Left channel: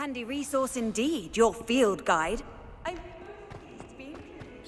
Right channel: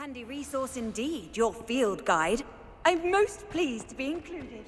Handy resource indeed, your field guide. I'm most pleased to be included.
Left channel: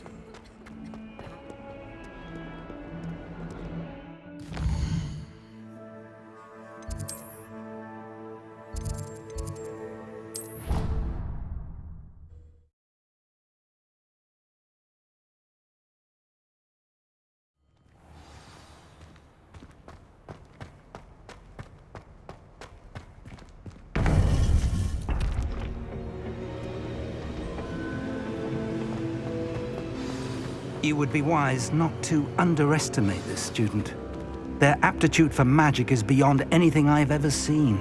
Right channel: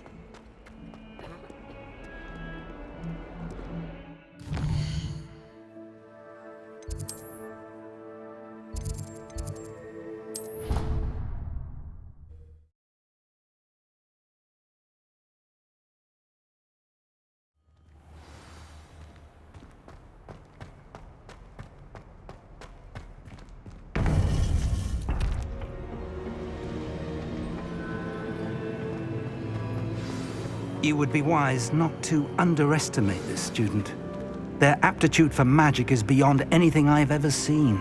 You would be wise not to underestimate this student. Their aptitude for magic is beyond anything I've ever seen,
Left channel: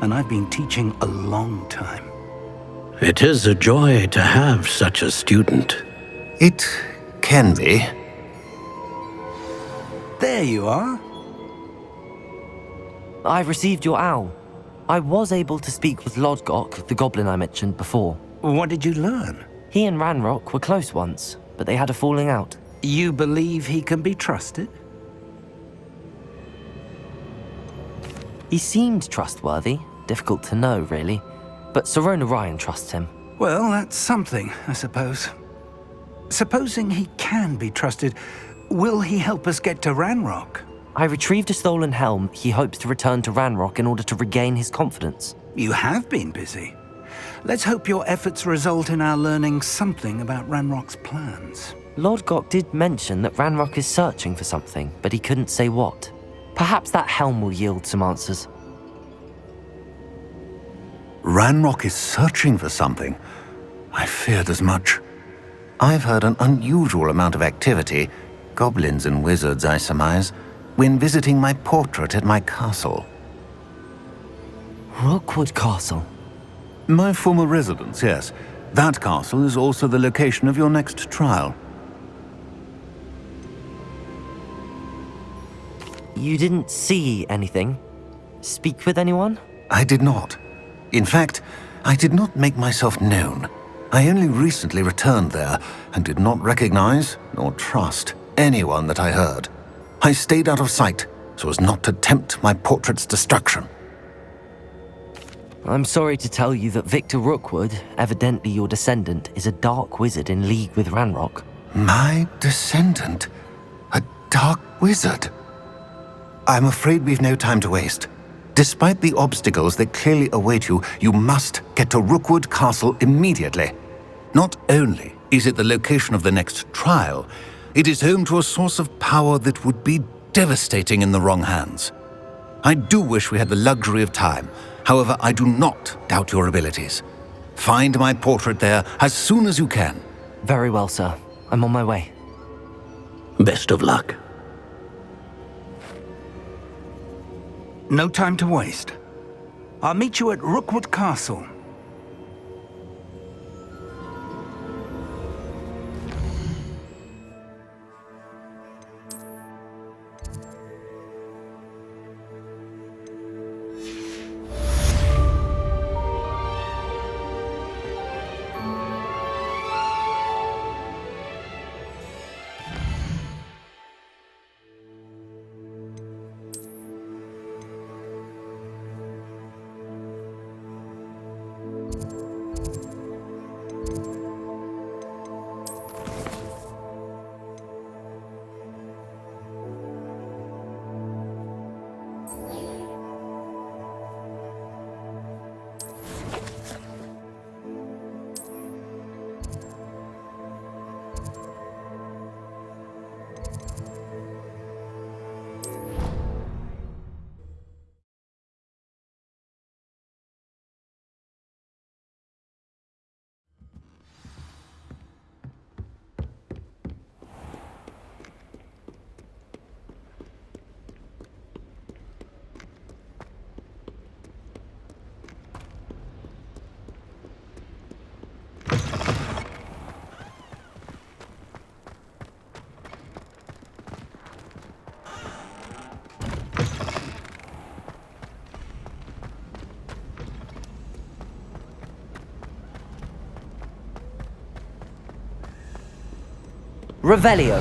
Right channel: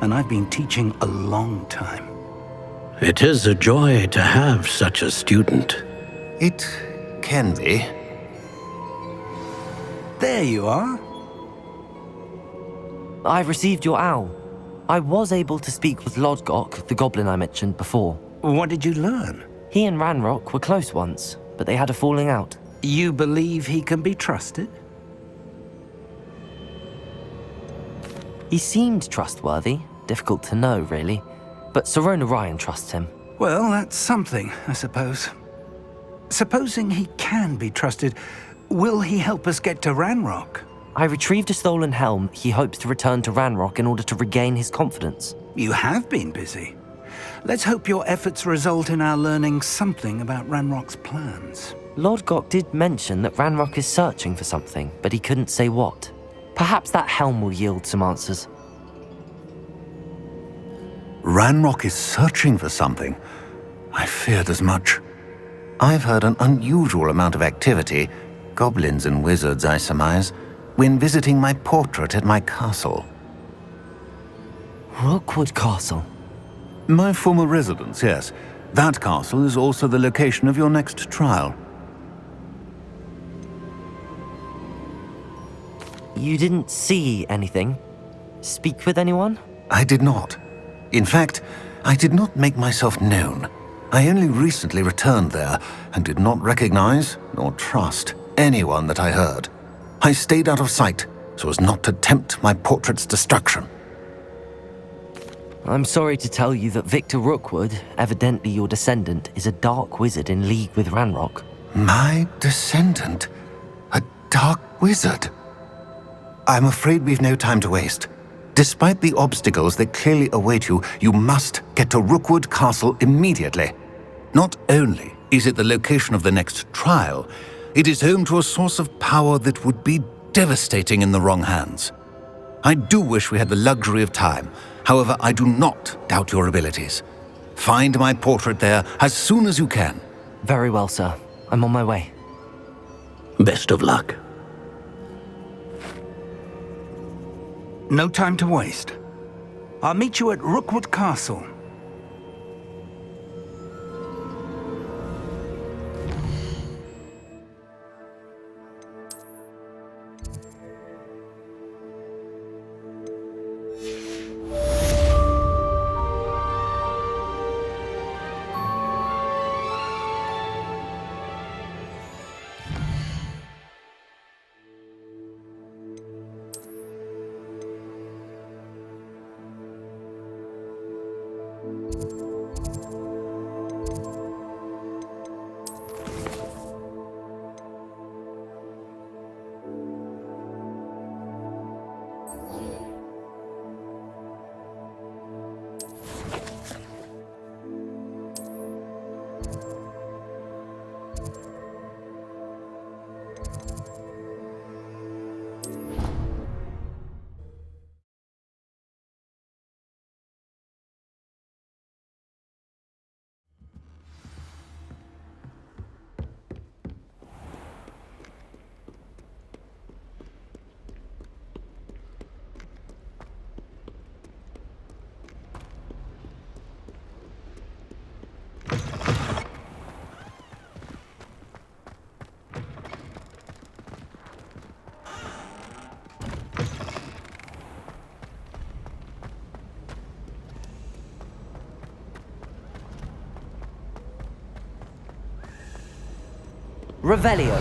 and I've been teaching a long time. It is a joy to have such a student. It can be. There you are. I've received your owl. I was able to speak with Lodgok, the goblin I mentioned before. What did you learn? He and Ranrock were close once, but they had a falling out. You believe he can be trusted? He seemed trustworthy. Difficult to know, really. But Sirona Ryan trusts him. Well, that's something, I suppose. Supposing he can be trusted, will he help us get to Ranrock? I retrieved a stolen helm he hopes to return to Ranrock in order to regain his confidence. You have been busy. Let's hope your efforts result in our learning something about Ranrock's plans. Lodgok did mention that Ranrock is searching for something, but he couldn't say what. Perhaps that helm will yield some answers. Ranrock is searching for something. I feared as much. I've heard an unusual amount of activity, goblins and wizards, I surmise, when visiting my portrait at my castle. Rookwood Castle? My former residence, yes. That castle is also the location of your next trial. You didn't see anything? Speak with anyone? I did not. In fact, I did not make myself known. I only recently returned there and did not recognize nor trust anyone that I heard. I stayed out of sight so as not to tempt my portrait's destruction. I'm sorry to tell you that Victor Rookwood, evidently your descendant, is a dark wizard in league with Ranrock. My descendant? A dark wizard? I'm afraid we've no time to waste. Despite the obstacles that clearly await you, you must get to Rookwood Castle immediately. Not only is it the location of the next trial, it is home to a source of power that would be devastating in the wrong hands. I do wish we had the luxury of time. However, I do not doubt your abilities. Find my portrait there as soon as you can. Very well, sir. I'm on my way. Best of luck. No time to waste. I'll meet you at Rookwood Castle. Revelio.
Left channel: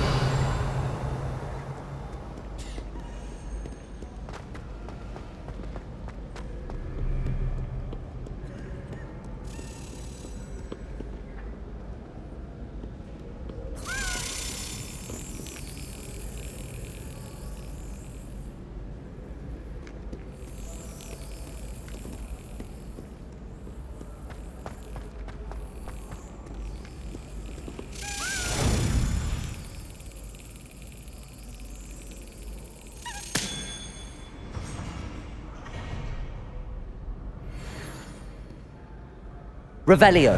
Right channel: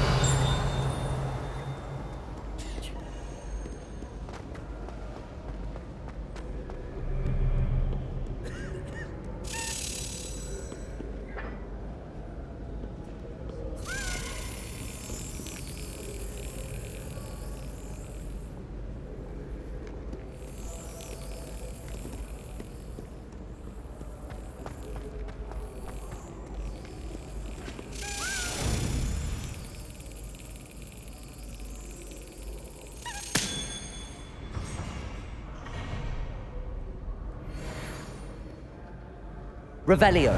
Revelio.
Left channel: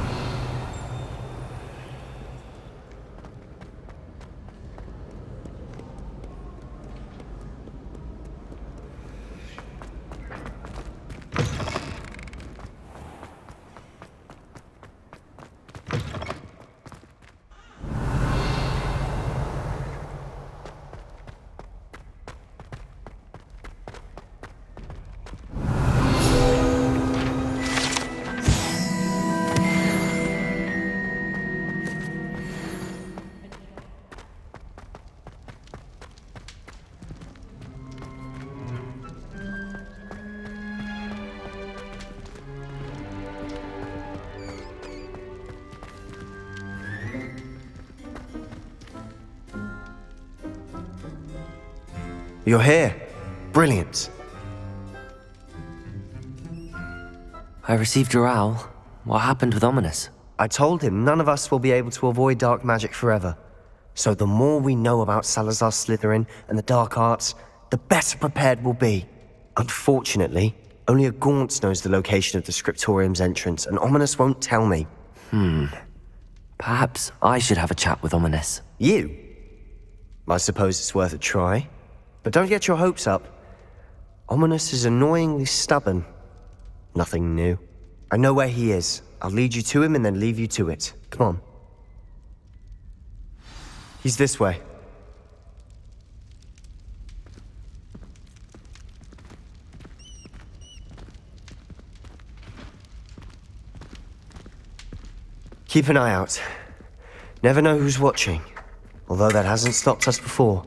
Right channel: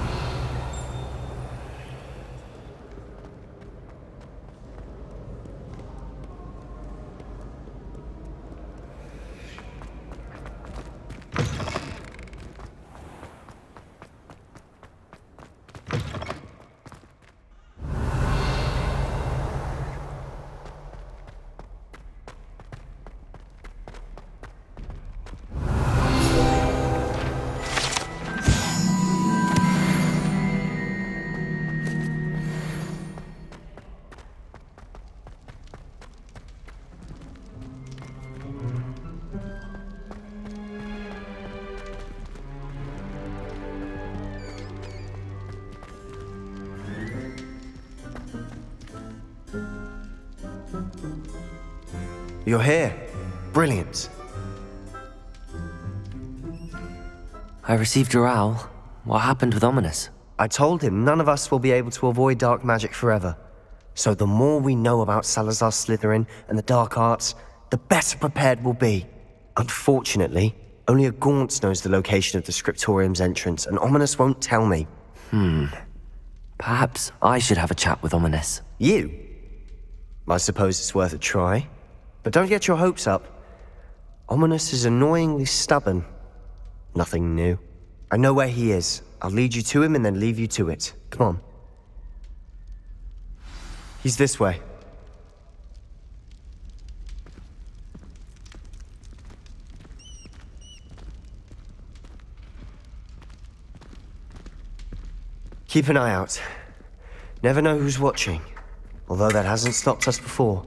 You're here. Brilliant. I received your owl. What happened with Ominous? I told him none of us will be able to avoid dark magic forever. So the more we know about Salazar Slytherin and the dark arts, the better prepared we'll be. Unfortunately, only a Gaunt knows the location of the Scriptorium's entrance, and Ominous won't tell me. Perhaps I should have a chat with Ominous. You? I suppose it's worth a try. But don't get your hopes up. Ominous is annoyingly stubborn. Nothing new. I know where he is. I'll lead you to him and then leave you to it. Come on. He's this way. Keep an eye out. Never know who's watching. Although that hasn't stopped us before.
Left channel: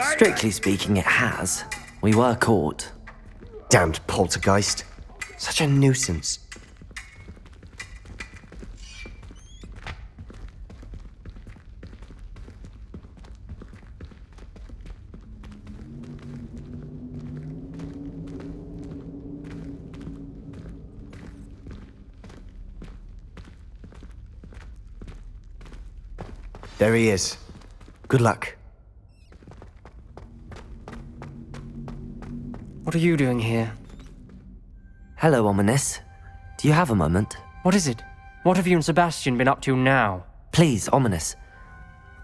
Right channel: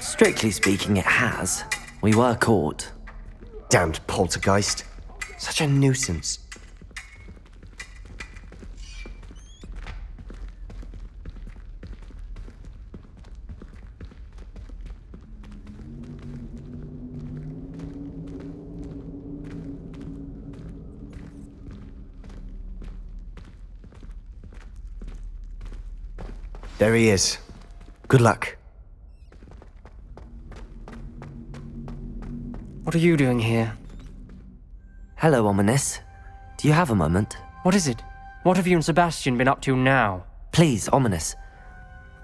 Strictly speaking, it has. We were caught. Damned poltergeist. Such a nuisance. There he is. Good luck. What are you doing here? Hello, Ominous. Do you have a moment? What is it? What have you and Sebastian been up to now? Please, Ominous.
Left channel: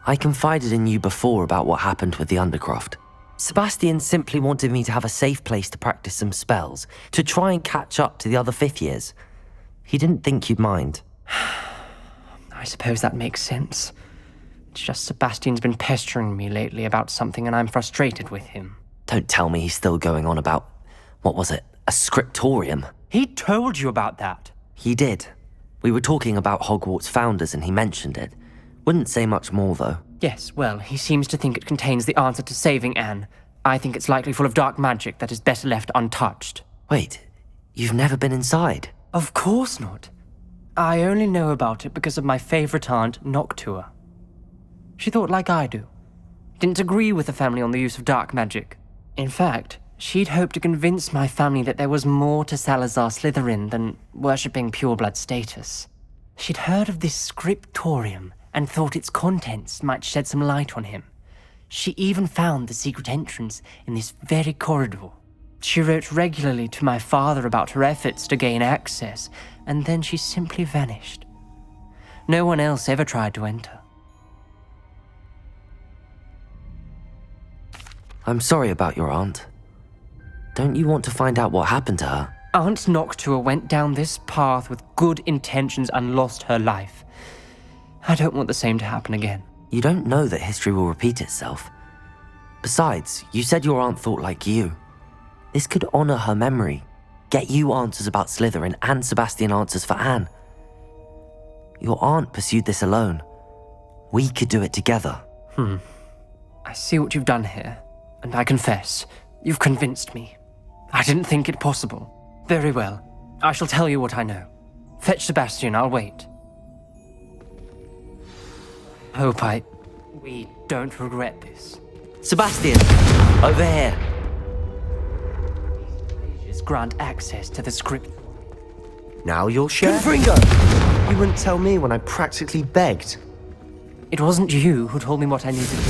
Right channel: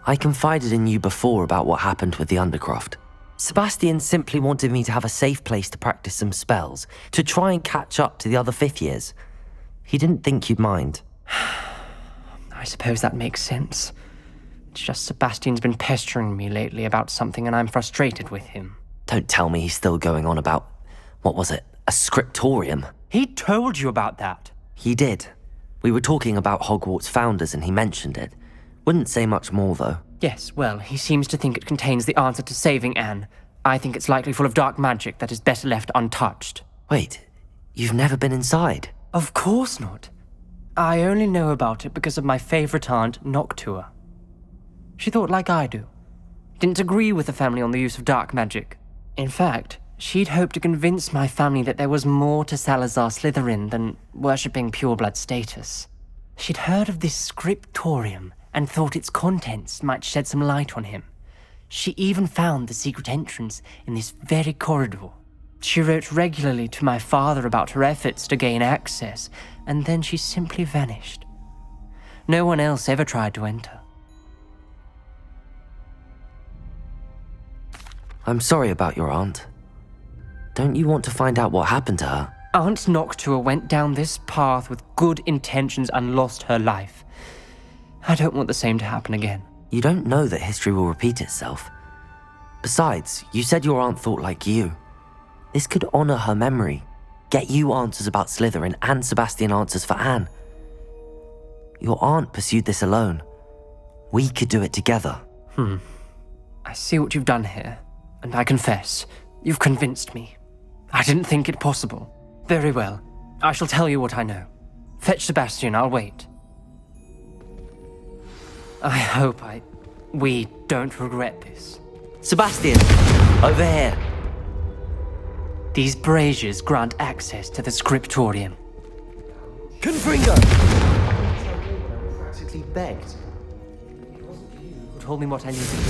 I confided in you before about what happened with the Undercroft. Sebastian simply wanted me to have a safe place to practice some spells, to try and catch up to the other fifth years. He didn't think you'd mind. I suppose that makes sense. It's just Sebastian's been pestering me lately about something and I'm frustrated with him. Don't tell me he's still going on about, what was it, a scriptorium? He told you about that. He did. We were talking about Hogwarts founders and he mentioned it. Wouldn't say much more, though. Yes, well, he seems to think it contains the answer to saving Anne. I think it's likely full of dark magic that is better left untouched. Wait, you've never been inside? Of course not. I only know about it because of my favorite aunt, Noctua. She thought like I do. Didn't agree with the family on the use of dark magic. In fact, she'd hoped to convince my family that there was more to Salazar Slytherin than worshipping pureblood status. She'd heard of this scriptorium and thought its contents might shed some light on him. She even found the secret entrance in this very corridor. She wrote regularly to my father about her efforts to gain access, and then she simply vanished. No one else ever tried to enter. I'm sorry about your aunt. Don't you want to find out what happened to her? Aunt Noctua went down this path with good intentions and lost her life. I don't want the same to happen again. You don't know that history will repeat itself. Besides, you said your aunt thought like you. This could honor her memory, get you answers about Slytherin and Sebastian answers for Anne. Your aunt pursued this alone. We could do it together. I see what you've done here, and I confess, you've convinced me. I didn't think it possible. Very well. I shall tell you what I know. Fetch Sebastian, I'll wait. I hope we don't regret this. Sebastian! Over here! These braziers grant access to the scriptorium. Now you'll share? Confringo! You wouldn't tell me when I practically begged. It wasn't you who told me what I needed to do.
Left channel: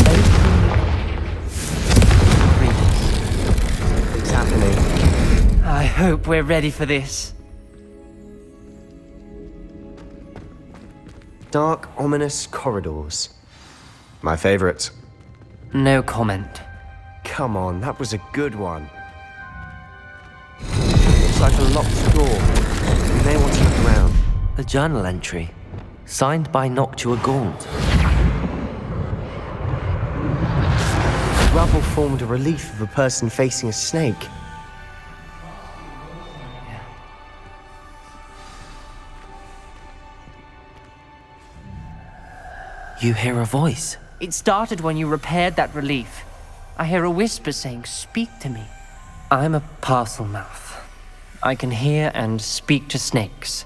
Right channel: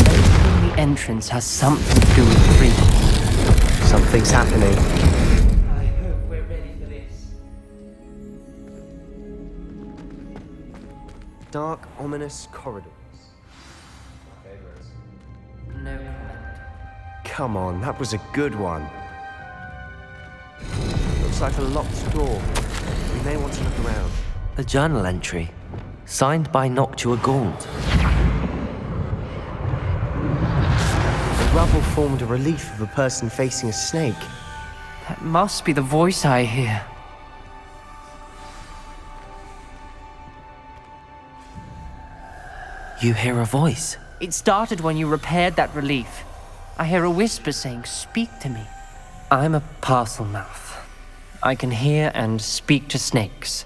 Opening the entrance has something to do with the priest. Something's happening. I hope we're ready for this. Dark, ominous corridors. My favorite. No comment. Come on, that was a good one. Looks like a locked door. We may want to look around. A journal entry, signed by Noctua Gaunt. The rubble formed a relief of a person facing a snake. That must be the voice I hear. You hear a voice. It started when you repaired that relief. I hear a whisper saying, "Speak to me." I'm a parcel mouth. I can hear and speak to snakes.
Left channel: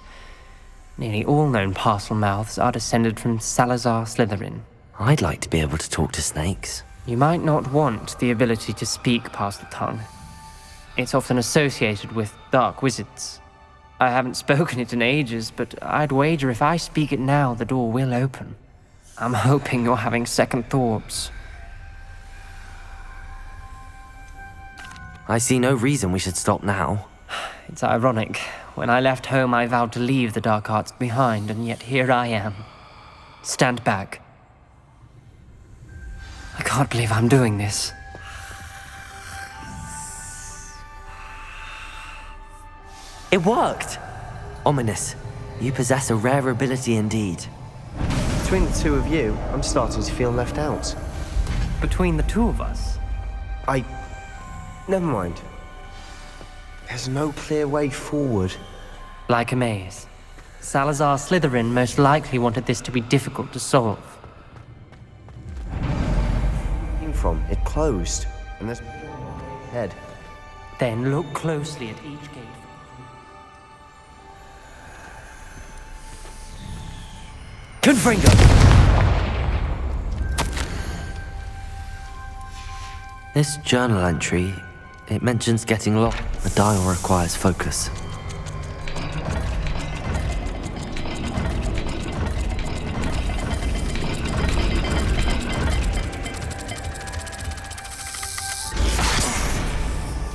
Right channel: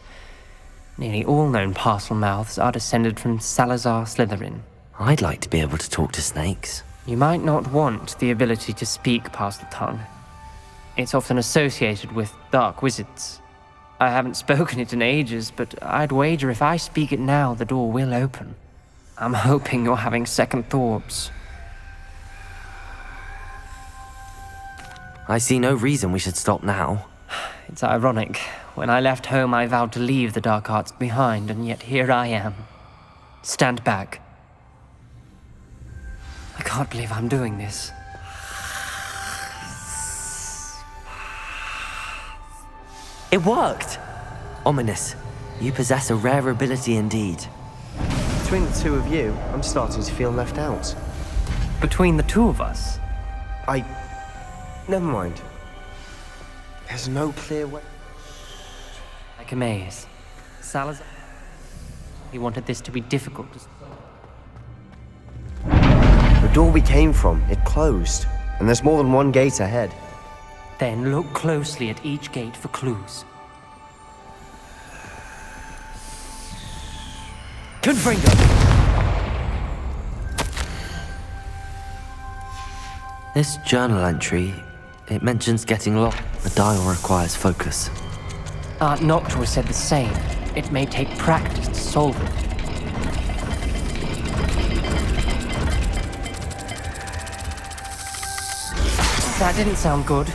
Nearly all known parcel mouths are descended from Salazar Slytherin. I'd like to be able to talk to snakes. You might not want the ability to speak parcel tongue. It's often associated with dark wizards. I haven't spoken it in ages, but I'd wager if I speak it now, the door will open. I'm hoping you're having second thoughts. I see no reason we should stop now. It's ironic. When I left home, I vowed to leave the dark arts behind, and yet here I am. Stand back. I can't believe I'm doing this. It worked! Ominous. You possess a rare ability indeed. Between the two of you, I'm starting to feel left out. Between the two of us, Never mind. There's no clear way forward. like a maze. Salazar Slytherin most likely wanted this to be difficult to solve. The door we came from, it closed. And there's more than one gate ahead. Then look closely at each gate for clues. Confringo! This journal entry, it mentions getting lost. The dial requires focus. Noctua said the same. It may take practice to solve it. That didn't sound good.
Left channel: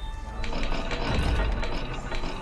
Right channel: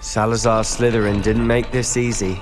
Salazar Slytherin didn't make this easy.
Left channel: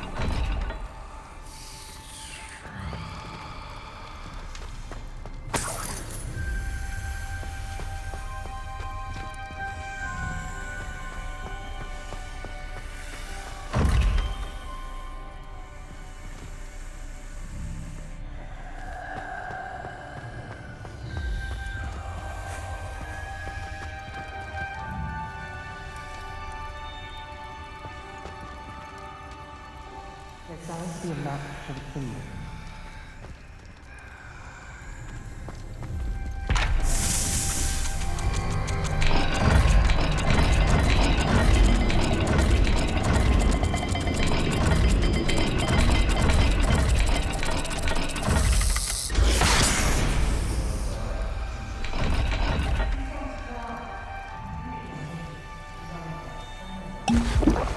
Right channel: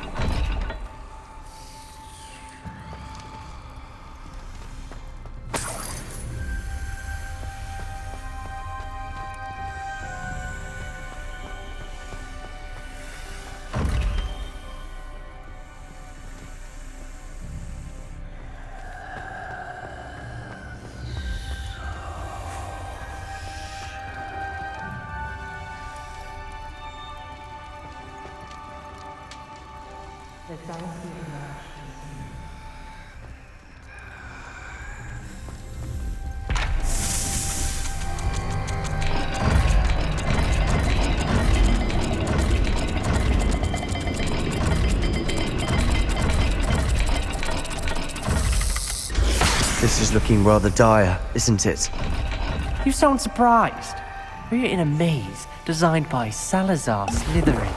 This is looking rather dire, isn't it? You sound surprised. We're in a maze designed by Salazar Slytherin.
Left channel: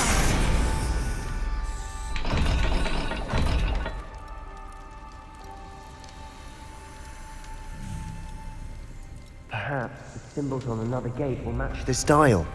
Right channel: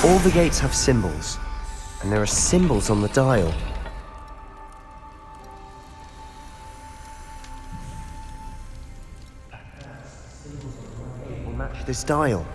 All the gates have symbols, and there are symbols on the dial. Perhaps the symbols on another gate will match this dial.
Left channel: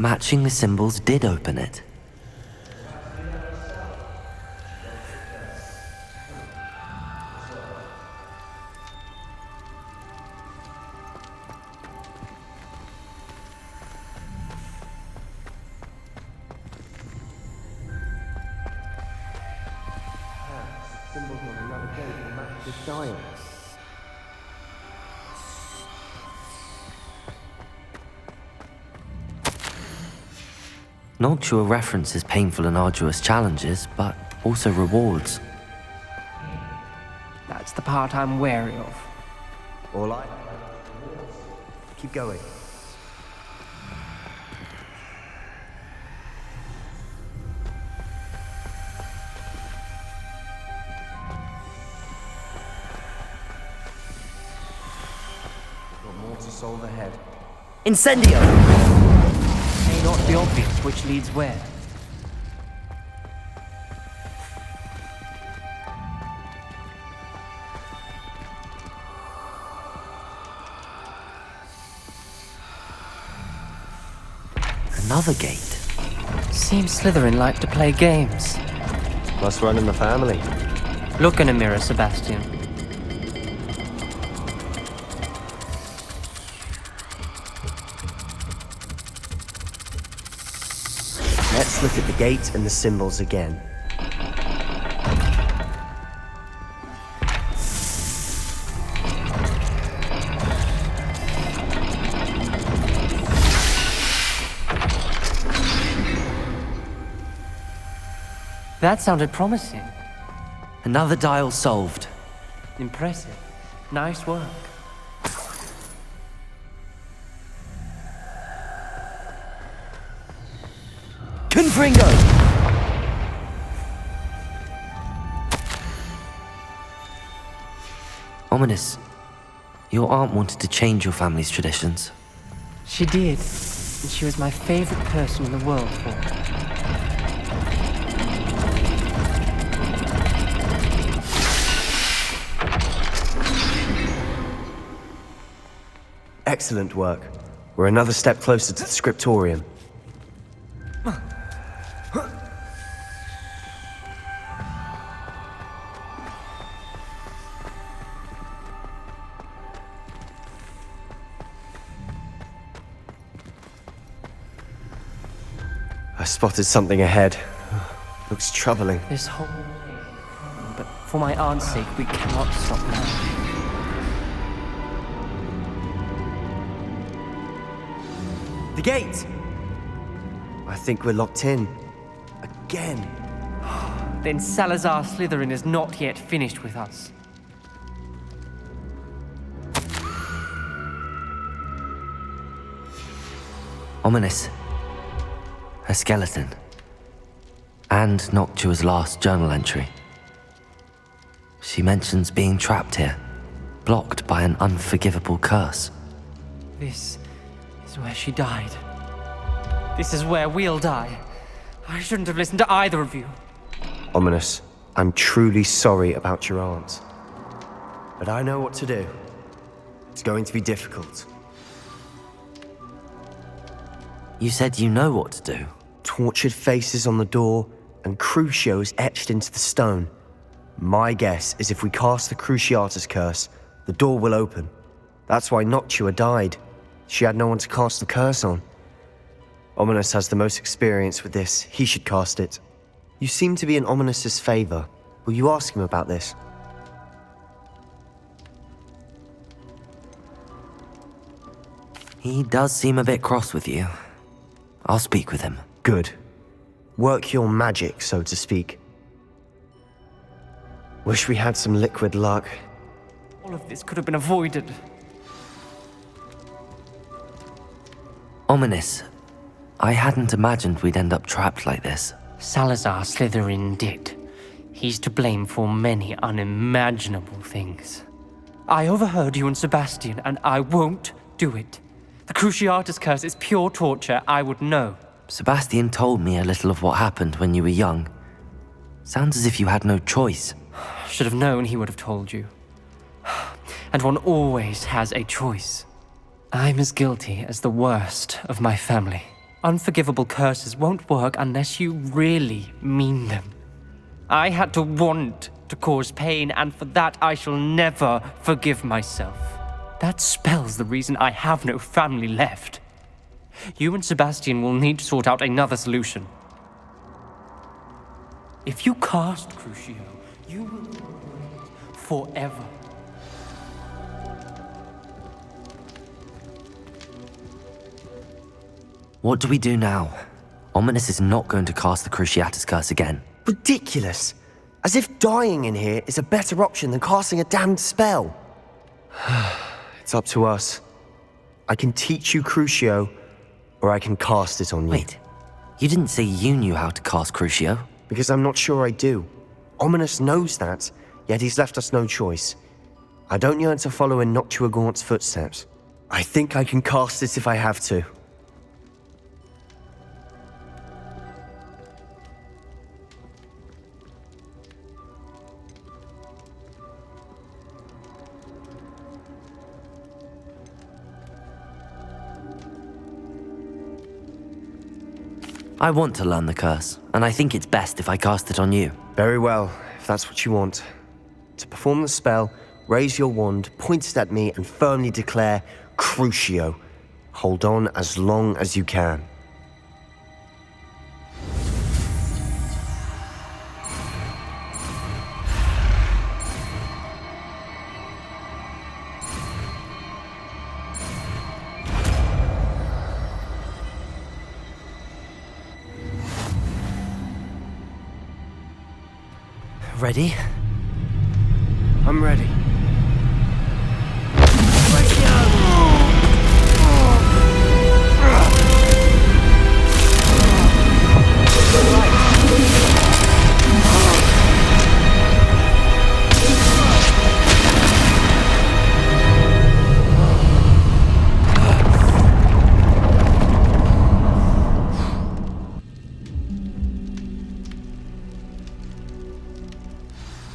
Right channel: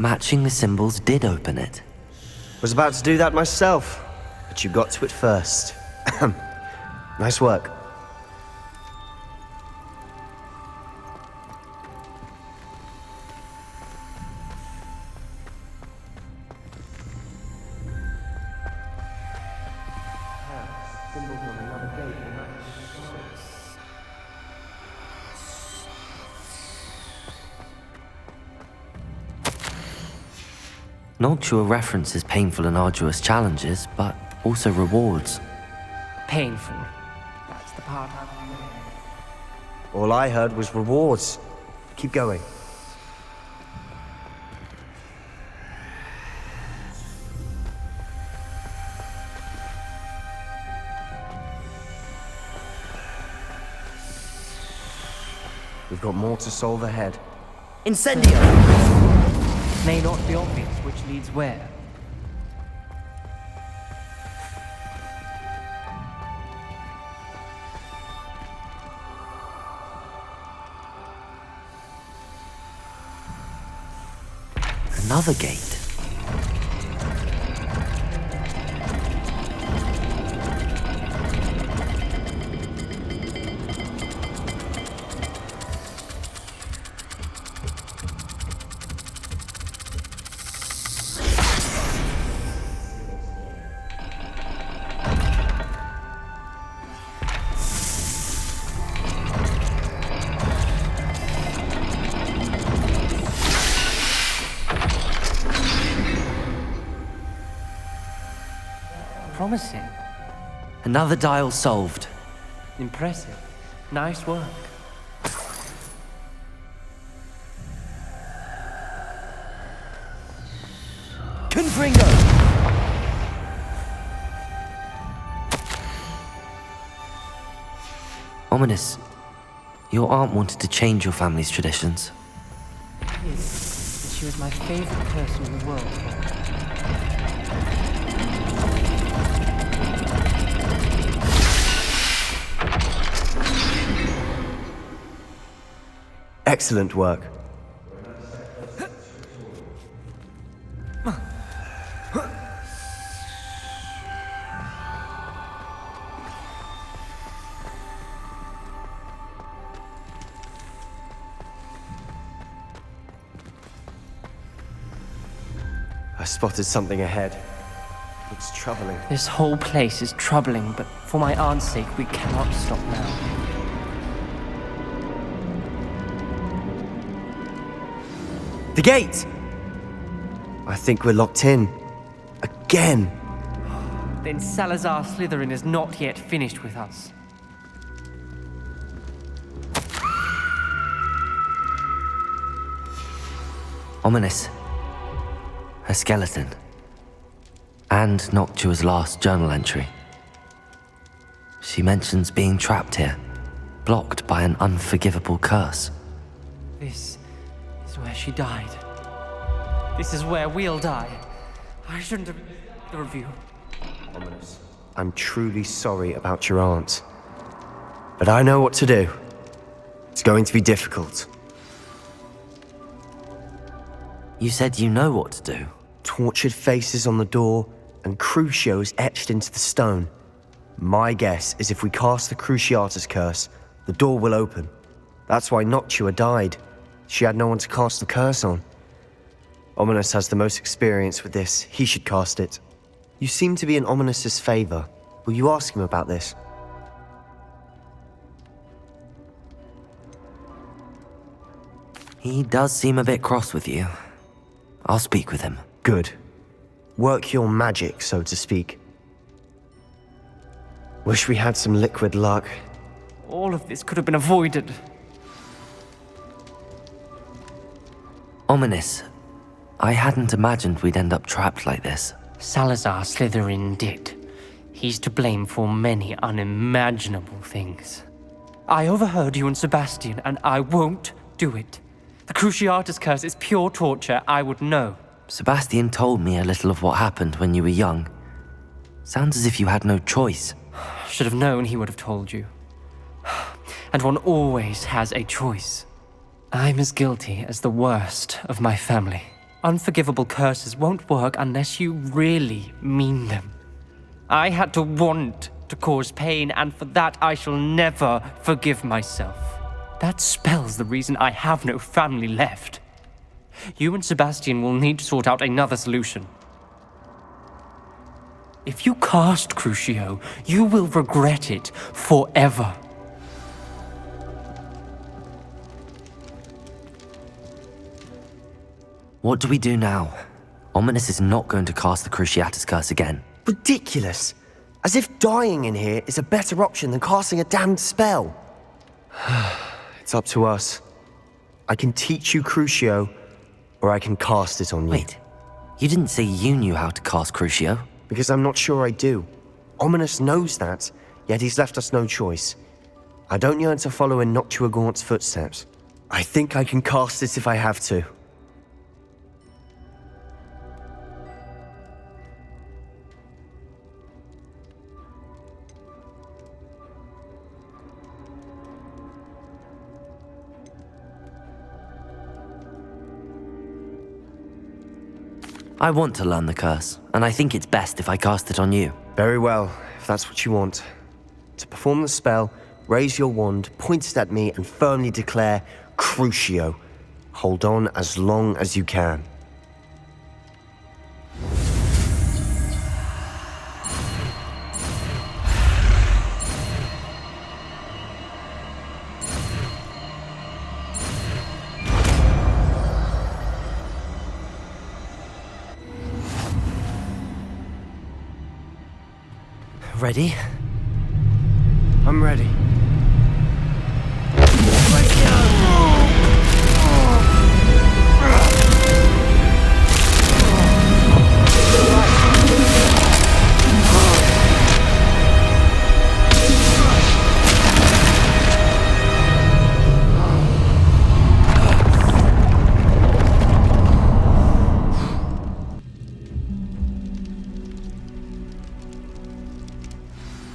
Matching the symbols did open it. Was about to do that myself, but you got to it first. Nice work. gate will match this dial. Noctua references painful and arduous challenges, but also rewards. Painful. That's the part I'm wary of. All I heard was rewards. Keep going. We've got more to solve ahead. Incendio! May not be obvious which leads where. Another gate. Seems Slytherin like to play games. Must run in the family. Look in a mirror, Sebastian. Let's look at the gate and the symbols again. That sounded promising. Another dial solved. Impressive. Nice work. Confringo! Ominous. Your aunt wanted to change your family's traditions. She did. And she was my favorite person in the world for it. Excellent work. We're another step closer to the scriptorium. I spotted something ahead. Looks troubling. This whole place is troubling, but for my aunt's sake, we cannot stop now. The gate! I think we're locked in. Again. Then Salazar Slytherin is not yet finished with us. Ominous. Her skeleton. And Noctua's last journal entry. She mentions being trapped here, blocked by an unforgivable curse. This is where she died. This is where we'll die. I shouldn't have listened to either of you. Ominous, I'm truly sorry about your aunt. But I know what to do. It's going to be difficult. You said you know what to do. Tortured faces on the door, and Crucio is etched into the stone. My guess is if we cast the Cruciatus curse, the door will open. That's why Noctua died. She had no one to cast the curse on. Ominous has the most experience with this. He should cast it. You seem to be in Ominous's favor. Will you ask him about this? He does seem a bit cross with you. I'll speak with him. Good. Work your magic, so to speak. Wish we had some liquid luck. All of this could have been avoided. Ominous. I hadn't imagined we'd end up trapped like this. Salazar Slytherin did. He's to blame for many unimaginable things. I overheard you and Sebastian, and I won't do it. The Cruciatus curse is pure torture, I would know. Sebastian told me a little of what happened when you were young. Sounds as if you had no choice. Should have known he would have told you. And one always has a choice. I'm as guilty as the worst of my family. Unforgivable curses won't work unless you really mean them. I had to want to cause pain, and for that I shall never forgive myself. That spells the reason I have no family left. You and Sebastian will need to sort out another solution. If you cast Crucio, you will regret it forever. What do we do now? Ominous is not going to cast the Cruciatus curse again. Ridiculous. As if dying in here is a better option than casting a damned spell. It's up to us. I can teach you Crucio, or I can cast it on you. Wait, you didn't say you knew how to cast Crucio? Because I'm not sure I do. Ominous knows that, yet he's left us no choice. I don't yearn to follow in Noctua Gaunt's footsteps. I think I can cast it if I have to. I want to learn the curse, and I think it's best if I cast it on you. Very well, if that's what you want. To perform the spell, raise your wand, point it at me, and firmly declare, Crucio. Hold on as long as you can. Ready? I'm ready.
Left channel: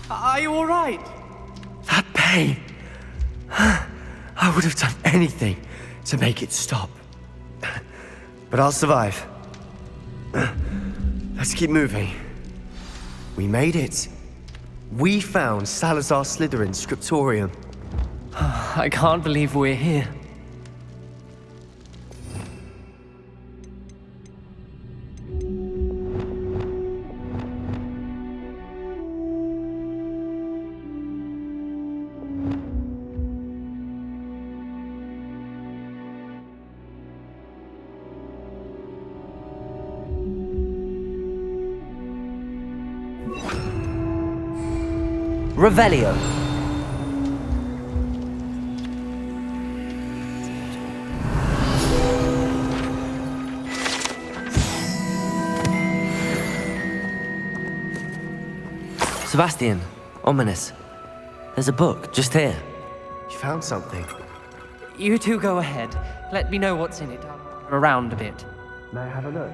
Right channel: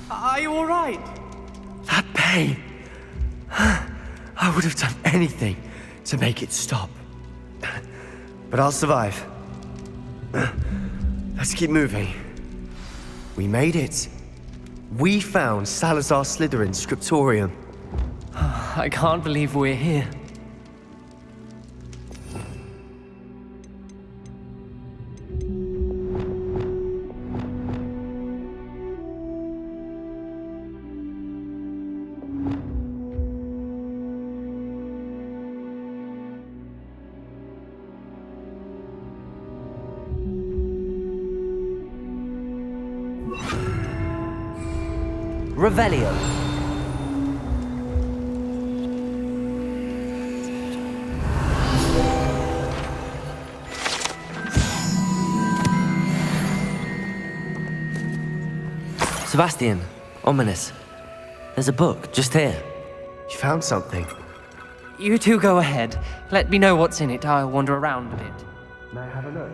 Are you all right? That pain. I would have done anything to make it stop. But I'll survive. Let's keep moving. We made it. We found Salazar Slytherin's scriptorium. I can't believe we're here. Revelio. Sebastian, Ominous. There's a book just here. You found something. You two go ahead. Let me know what's in it. I'll wander around a bit. May I have a look?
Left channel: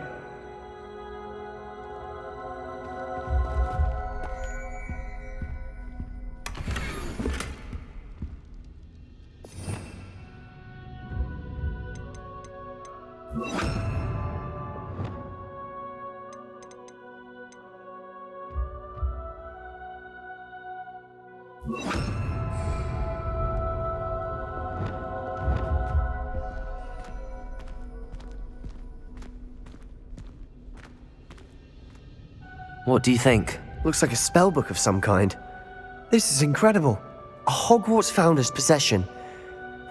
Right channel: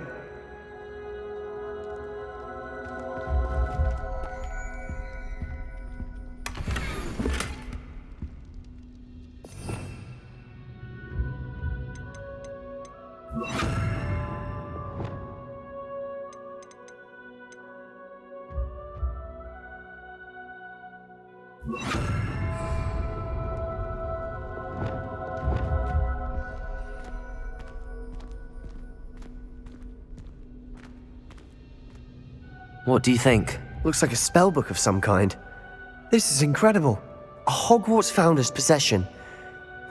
What do you think? Looks like a spellbook of some kind. This is incredible. A Hogwarts founder's possession.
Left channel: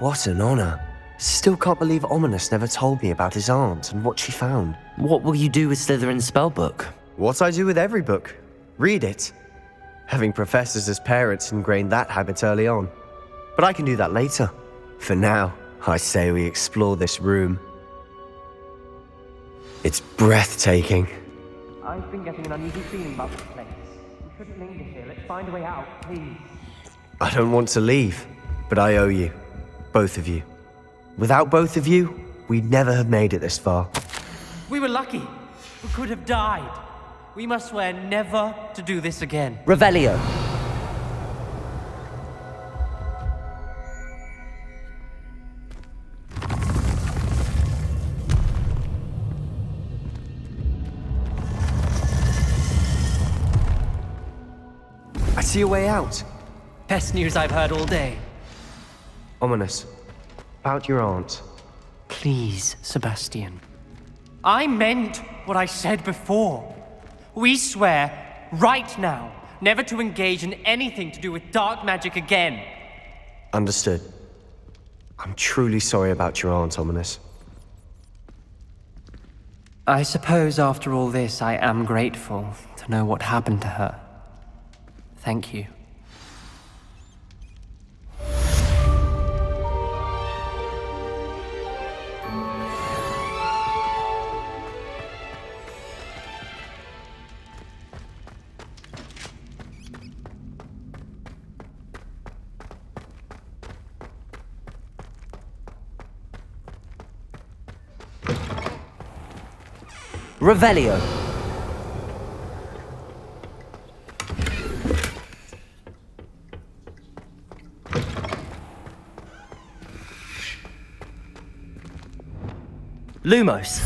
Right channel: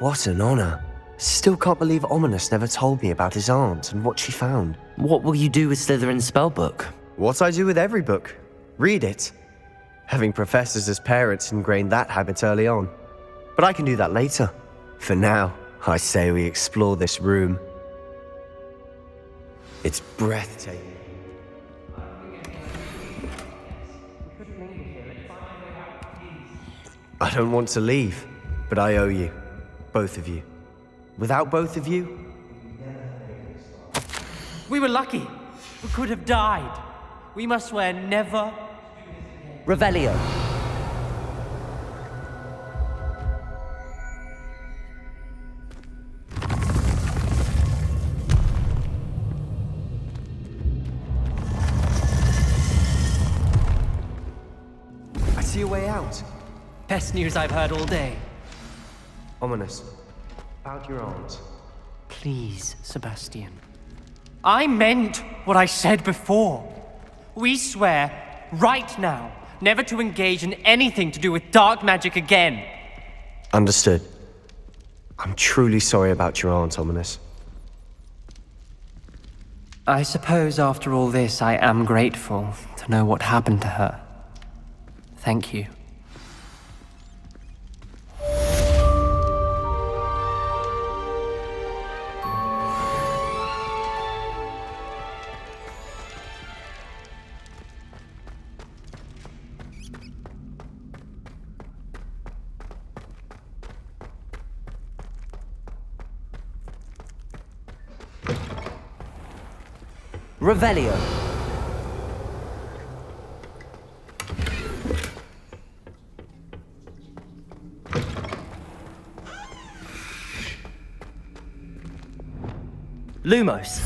What an honor. Still can't believe Ominous never told me about his aunt and what she found. What will you do with Slytherin's spellbook? What I do with every book. Read it. Having professors as parents ingrained that habit early on. But I can do that later. For now, I say we explore this room. It's breathtaking. I've been getting an uneasy feeling about this place. We shouldn't linger here. Let's find a way out, please. I don't want to leave, but I owe you. Both of you. Without both of you, we'd never have made it this far. We were lucky. We could have died. We must swear never to do this again. Revelio. I see a way out. Best news I've heard all day. Ominous. About your aunt. Please, Sebastian. I meant what I said before. We swear right now, never to engage in anything to do with dark magic again. Understood. I'm truly sorry about your aunt, Ominous. I suppose after all this, I am grateful to know what happened to her. Thank you. Revelio. Lumos.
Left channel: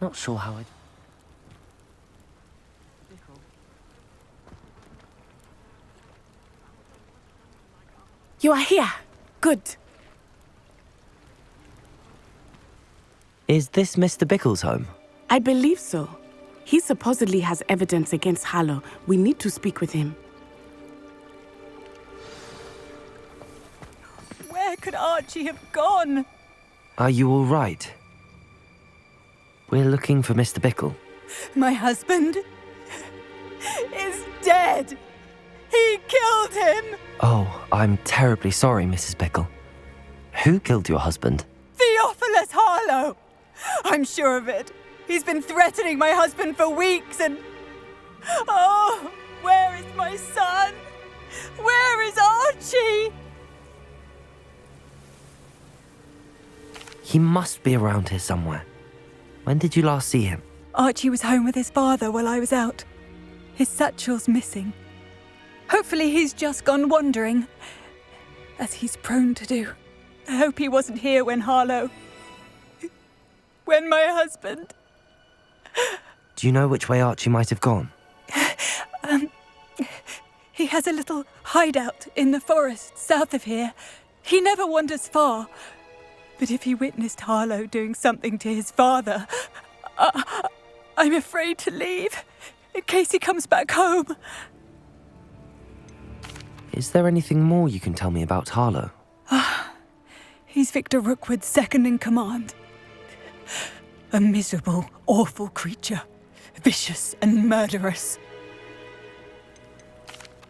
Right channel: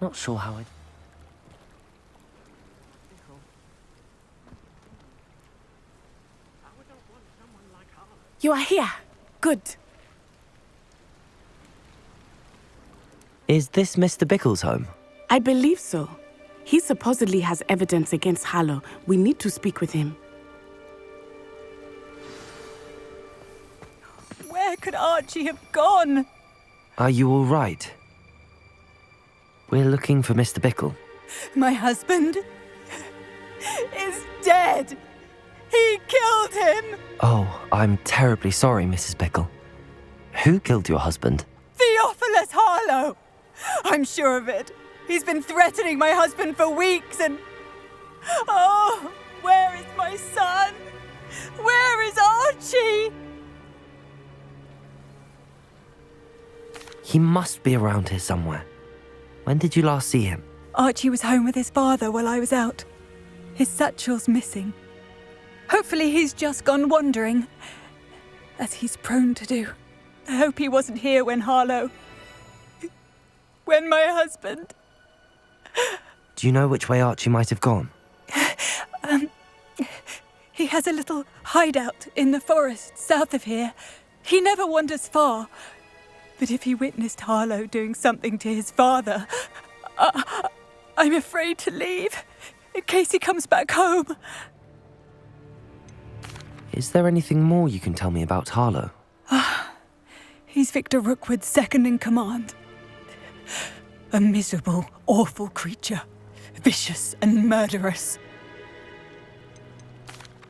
Not sure how I'd... You are here. Good. Is this Mr. Bickle's home? I believe so. He supposedly has evidence against Harlow. We need to speak with him. Where could Archie have gone? Are you all right? We're looking for Mr. Bickle. My husband is dead. He killed him. Oh, I'm terribly sorry, Mrs. Bickle. Who killed your husband? Theophilus Harlow. I'm sure of it. He's been threatening my husband for weeks and... Oh, where is my son? Where is Archie? He must be around here somewhere. When did you last see him? Archie was home with his father while I was out. His satchel's missing. Hopefully he's just gone wandering, as he's prone to do. I hope he wasn't here when Harlow... when my husband... Do you know which way Archie might have gone? He has a little hideout in the forest south of here. He never wanders far. But if he witnessed Harlow doing something to his father, I'm afraid to leave, in case he comes back home. Is there anything more you can tell me about Harlow? He's Victor Rookwood's second in command. A miserable, awful creature. Vicious and murderous.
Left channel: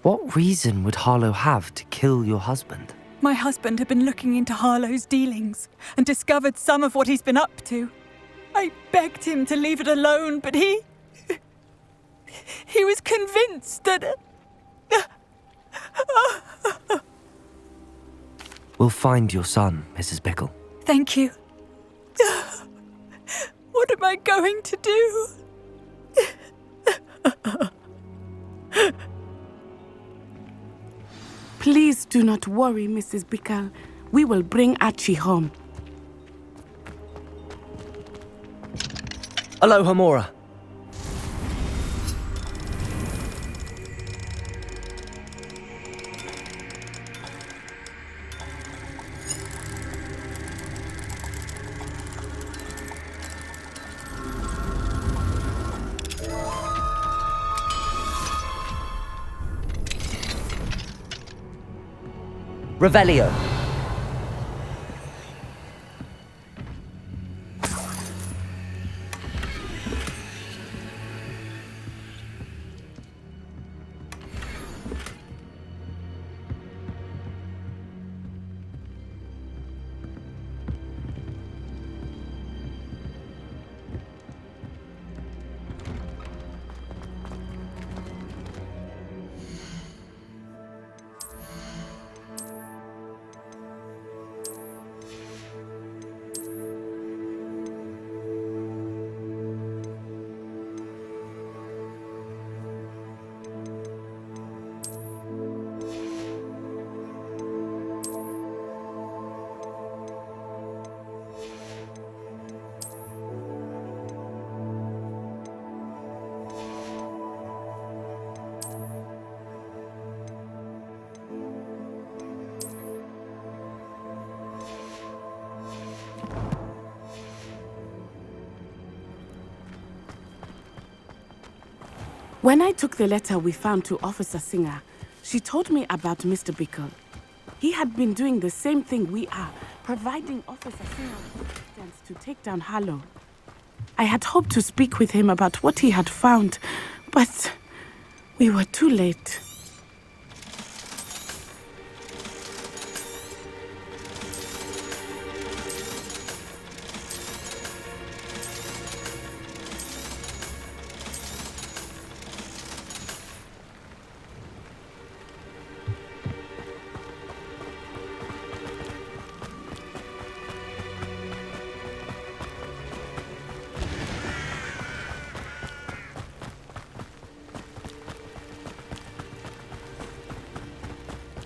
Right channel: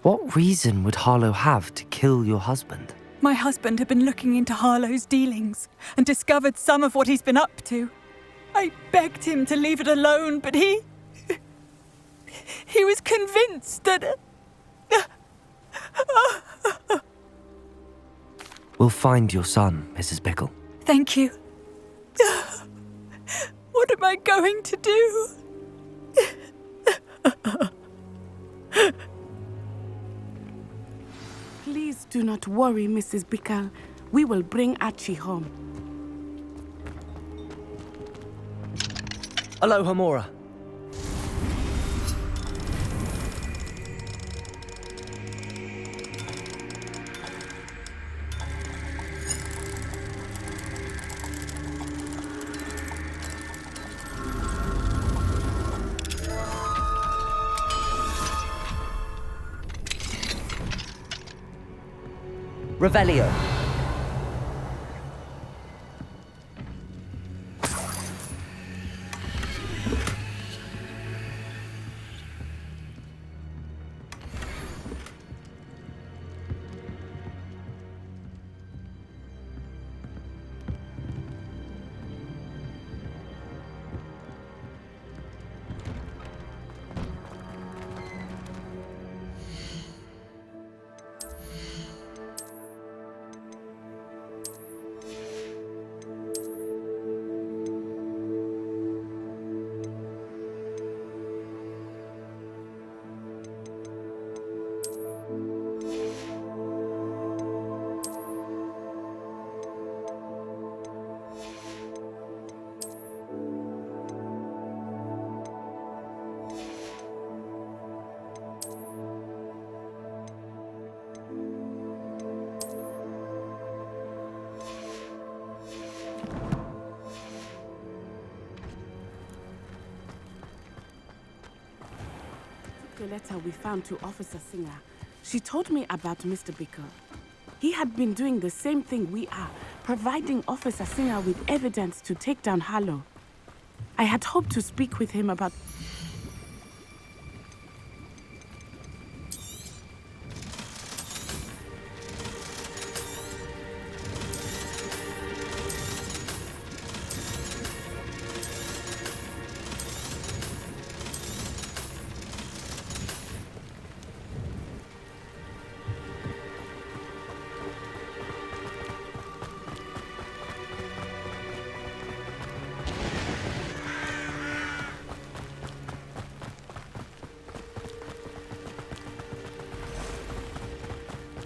What reason would Harlow have to kill your husband? My husband had been looking into Harlow's dealings and discovered some of what he's been up to. I begged him to leave it alone, but he was convinced that... We'll find your son, Mrs. Bickle. Thank you. What am I going to do? Please do not worry, Mrs. Bickle. We will bring Archie home. Aloha, Mora. Revelio. When I took the letter we found to Officer Singer, she told me about Mr. Bickle. He had been doing the same thing we are, providing Officer Singer with evidence to take down Harlow. I had hoped to speak with him about what he had found, but we were too late.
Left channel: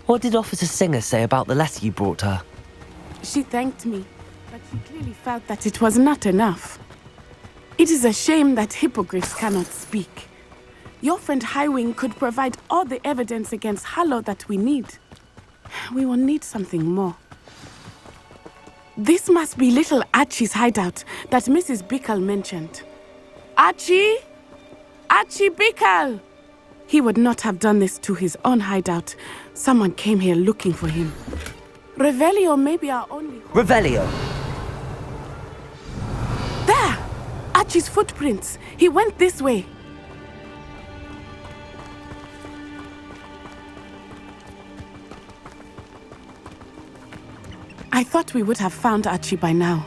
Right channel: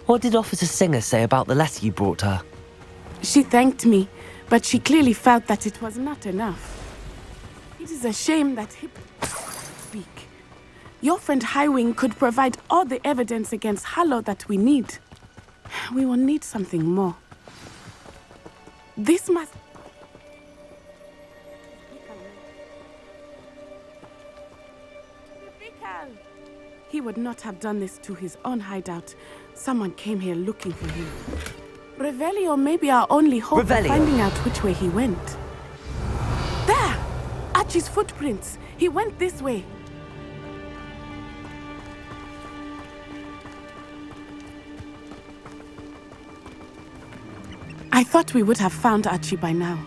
What did Officer Singer say about the letter you brought her? She thanked me, but she clearly felt that it was not enough. It is a shame that hippogriffs cannot speak. Your friend Highwing could provide all the evidence against Harlow that we need. We will need something more. This must be little Archie's hideout that Mrs. Bickle mentioned. Archie? Archie Bickle! He would not have done this to his own hideout. Someone came here looking for him. Revelio may be our only hope of finding out which way he went. There! Archie's footprints. He went this way. I thought we would have found Archie by now.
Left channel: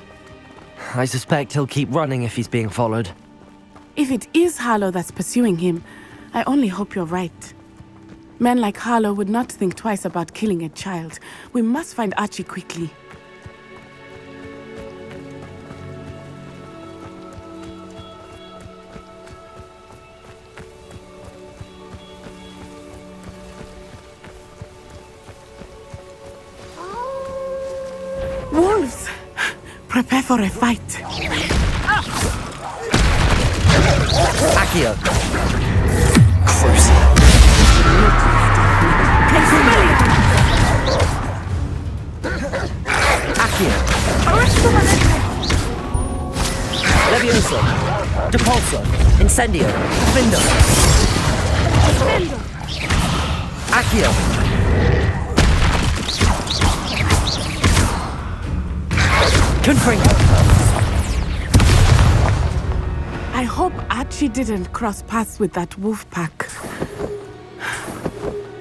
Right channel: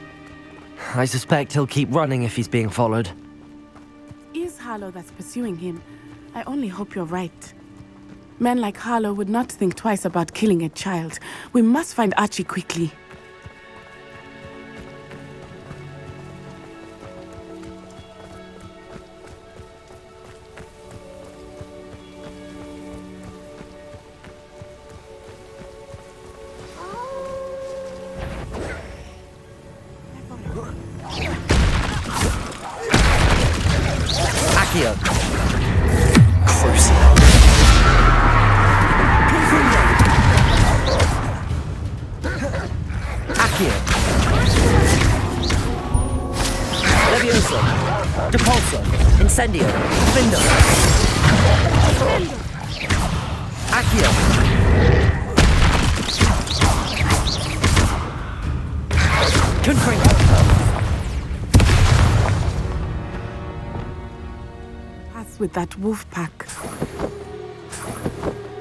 I suspect he'll keep running if he's being followed. If it is Harlow that's pursuing him, I only hope you're right. Men like Harlow would not think twice about killing a child. We must find Archie quickly. Wolves! Prepare for a fight. Accio! Crucio. Accio! Levioso! Depulso! Incendio! Findo! Accio! Confringo! I hope Archie didn't cross paths with that wolf pack.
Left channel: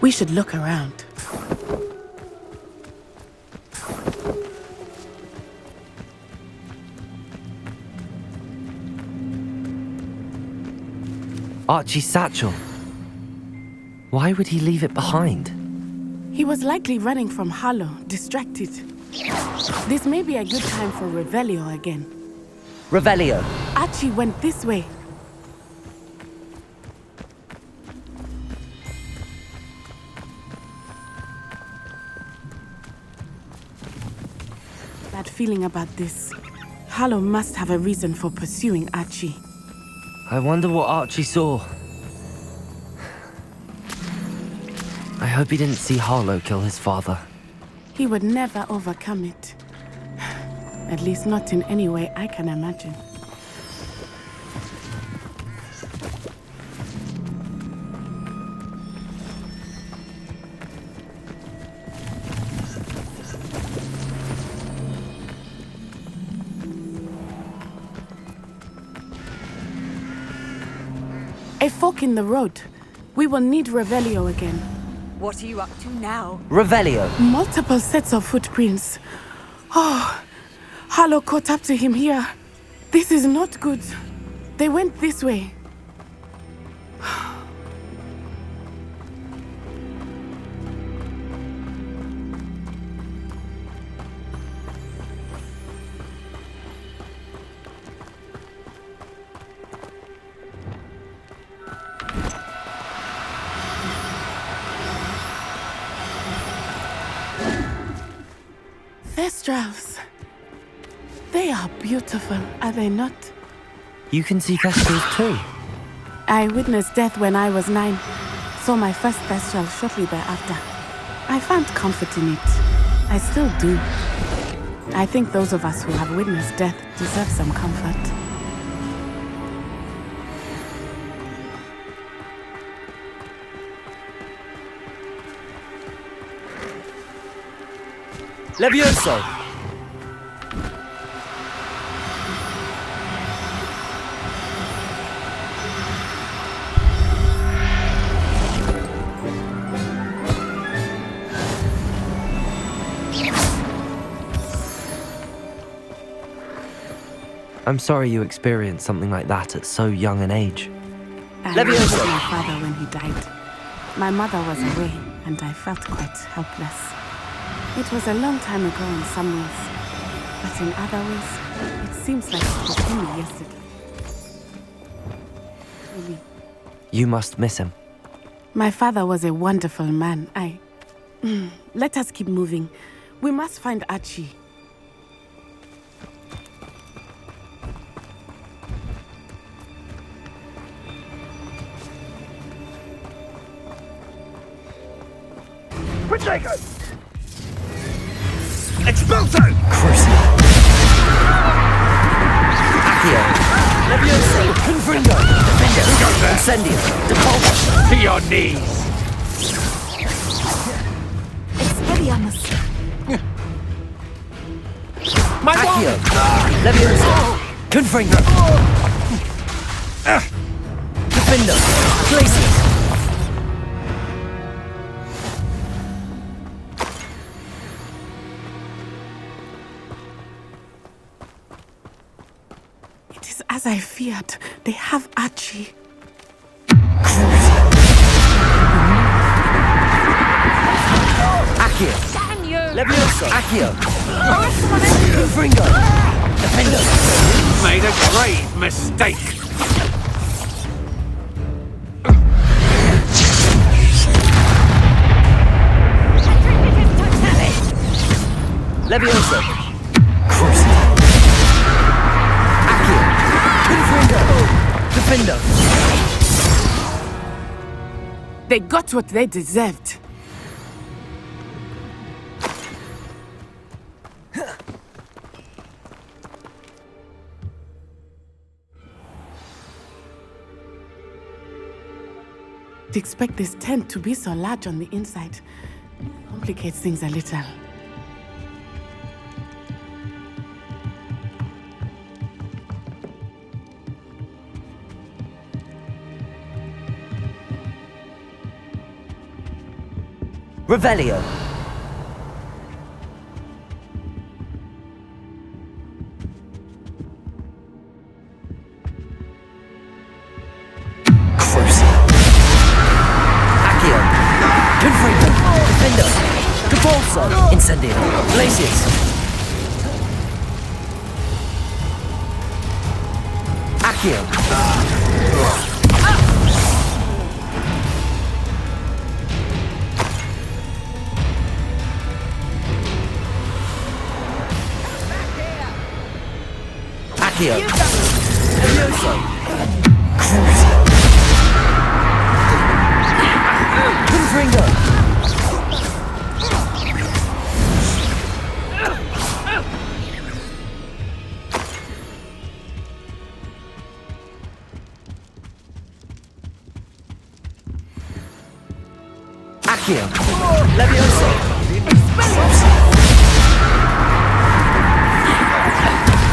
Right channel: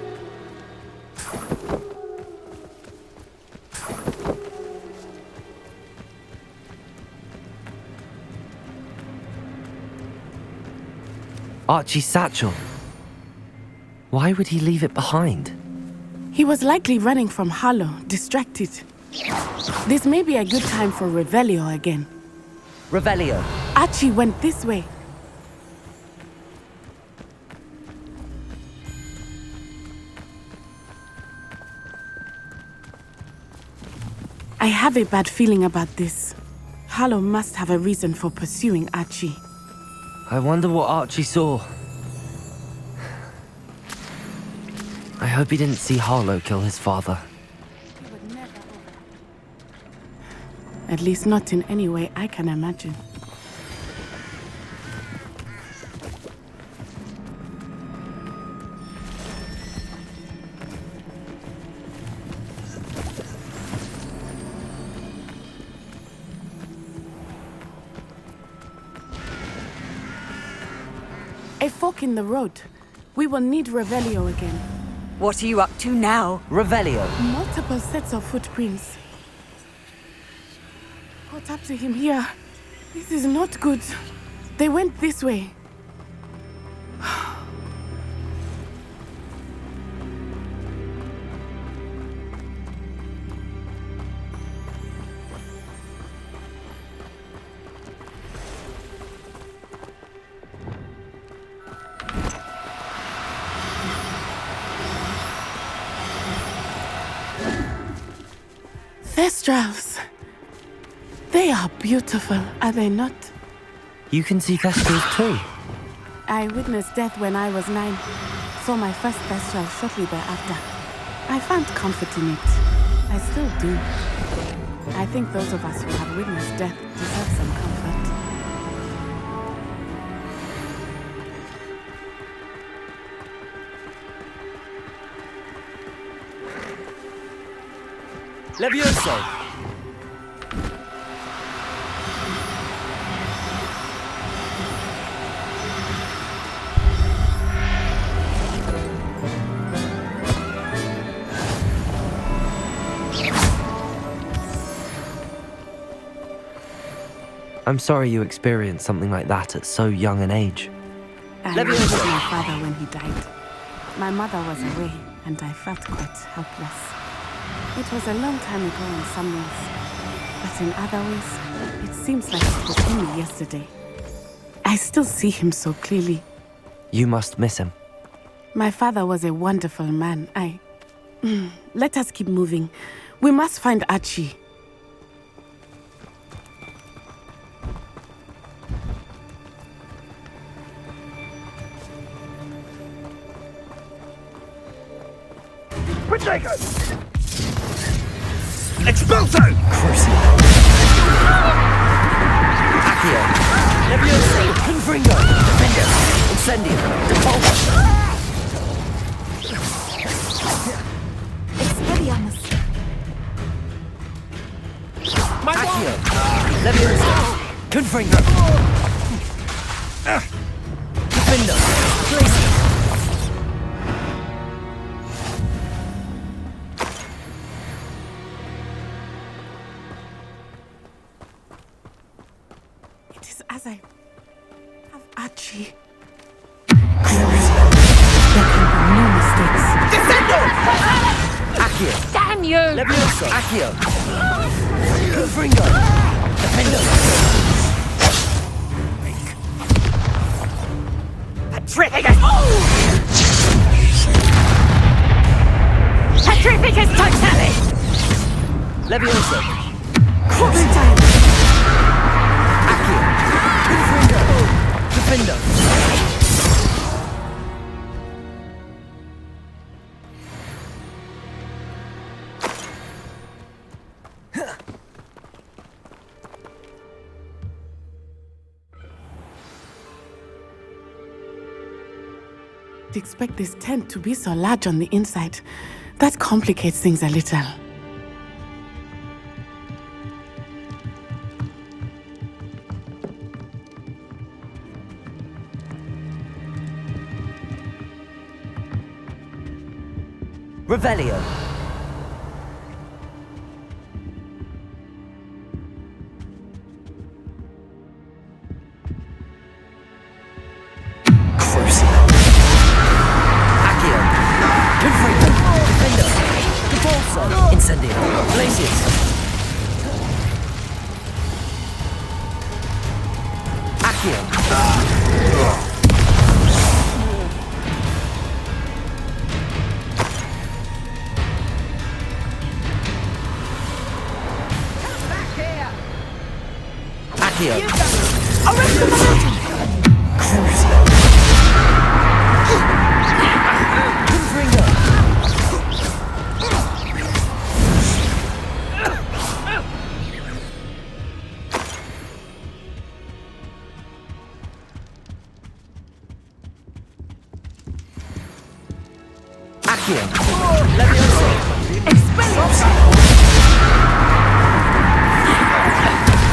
We should look around. Archie's satchel. Why would he leave it behind? He was likely running from Harlow, distracted. This may be a good time for Revelio again. Revelio. Archie went this way. I have a bad feeling about this. Harlow must have a reason for pursuing Archie. I wonder what Archie saw. I hope he didn't see Harlow kill his father. He would never overcome it. At least not in any way I can imagine. A fork in the road. We will need Revelio again. What are you up to now? Revelio. Multiple sets of footprints. Oh, Harlow caught up to him here. This is not good. They went this way. Thestrals. They are beautiful, are they not? You can see Thestrals too. I witnessed death when I was 9. Saw my first Thestral shortly thereafter. I found comfort in it. I still do. I think those of us who have witnessed death deserve some comfort. Levioso! I'm sorry you experienced something like that at so young an age. I lost my father when he died. My mother was away, and I felt quite helpless. It was a long time ago in some ways, but in other ways, it seems like it was only yesterday. I still see him so clearly. You must miss him. My father was a wonderful man. Let us keep moving. We must find Archie. Protego! Expulso! Crucio! Accio! Levioso! Confringo! Defender! Incendio! Decolpa! To your knees! Expelliarmus. Accio! Levioso! Confringo! Defender! Glacius! As I feared, they have Archie. Accio! Damn you! Levioso! Accio! Confringo! Defender! Made a grave mistake! Petrificus Totalis! Levioso! Crucio! Accio! Confringo! Defender! They got what they deserved. To expect this tent to be so large on the inside, that complicates things a little. Revelio! Crucio! Accio! Confringo! Defender! Capolso! Incendio! Glacius! Accio! Accio! Crucio! Confringo! Accio! Levioso! Expelliarmus!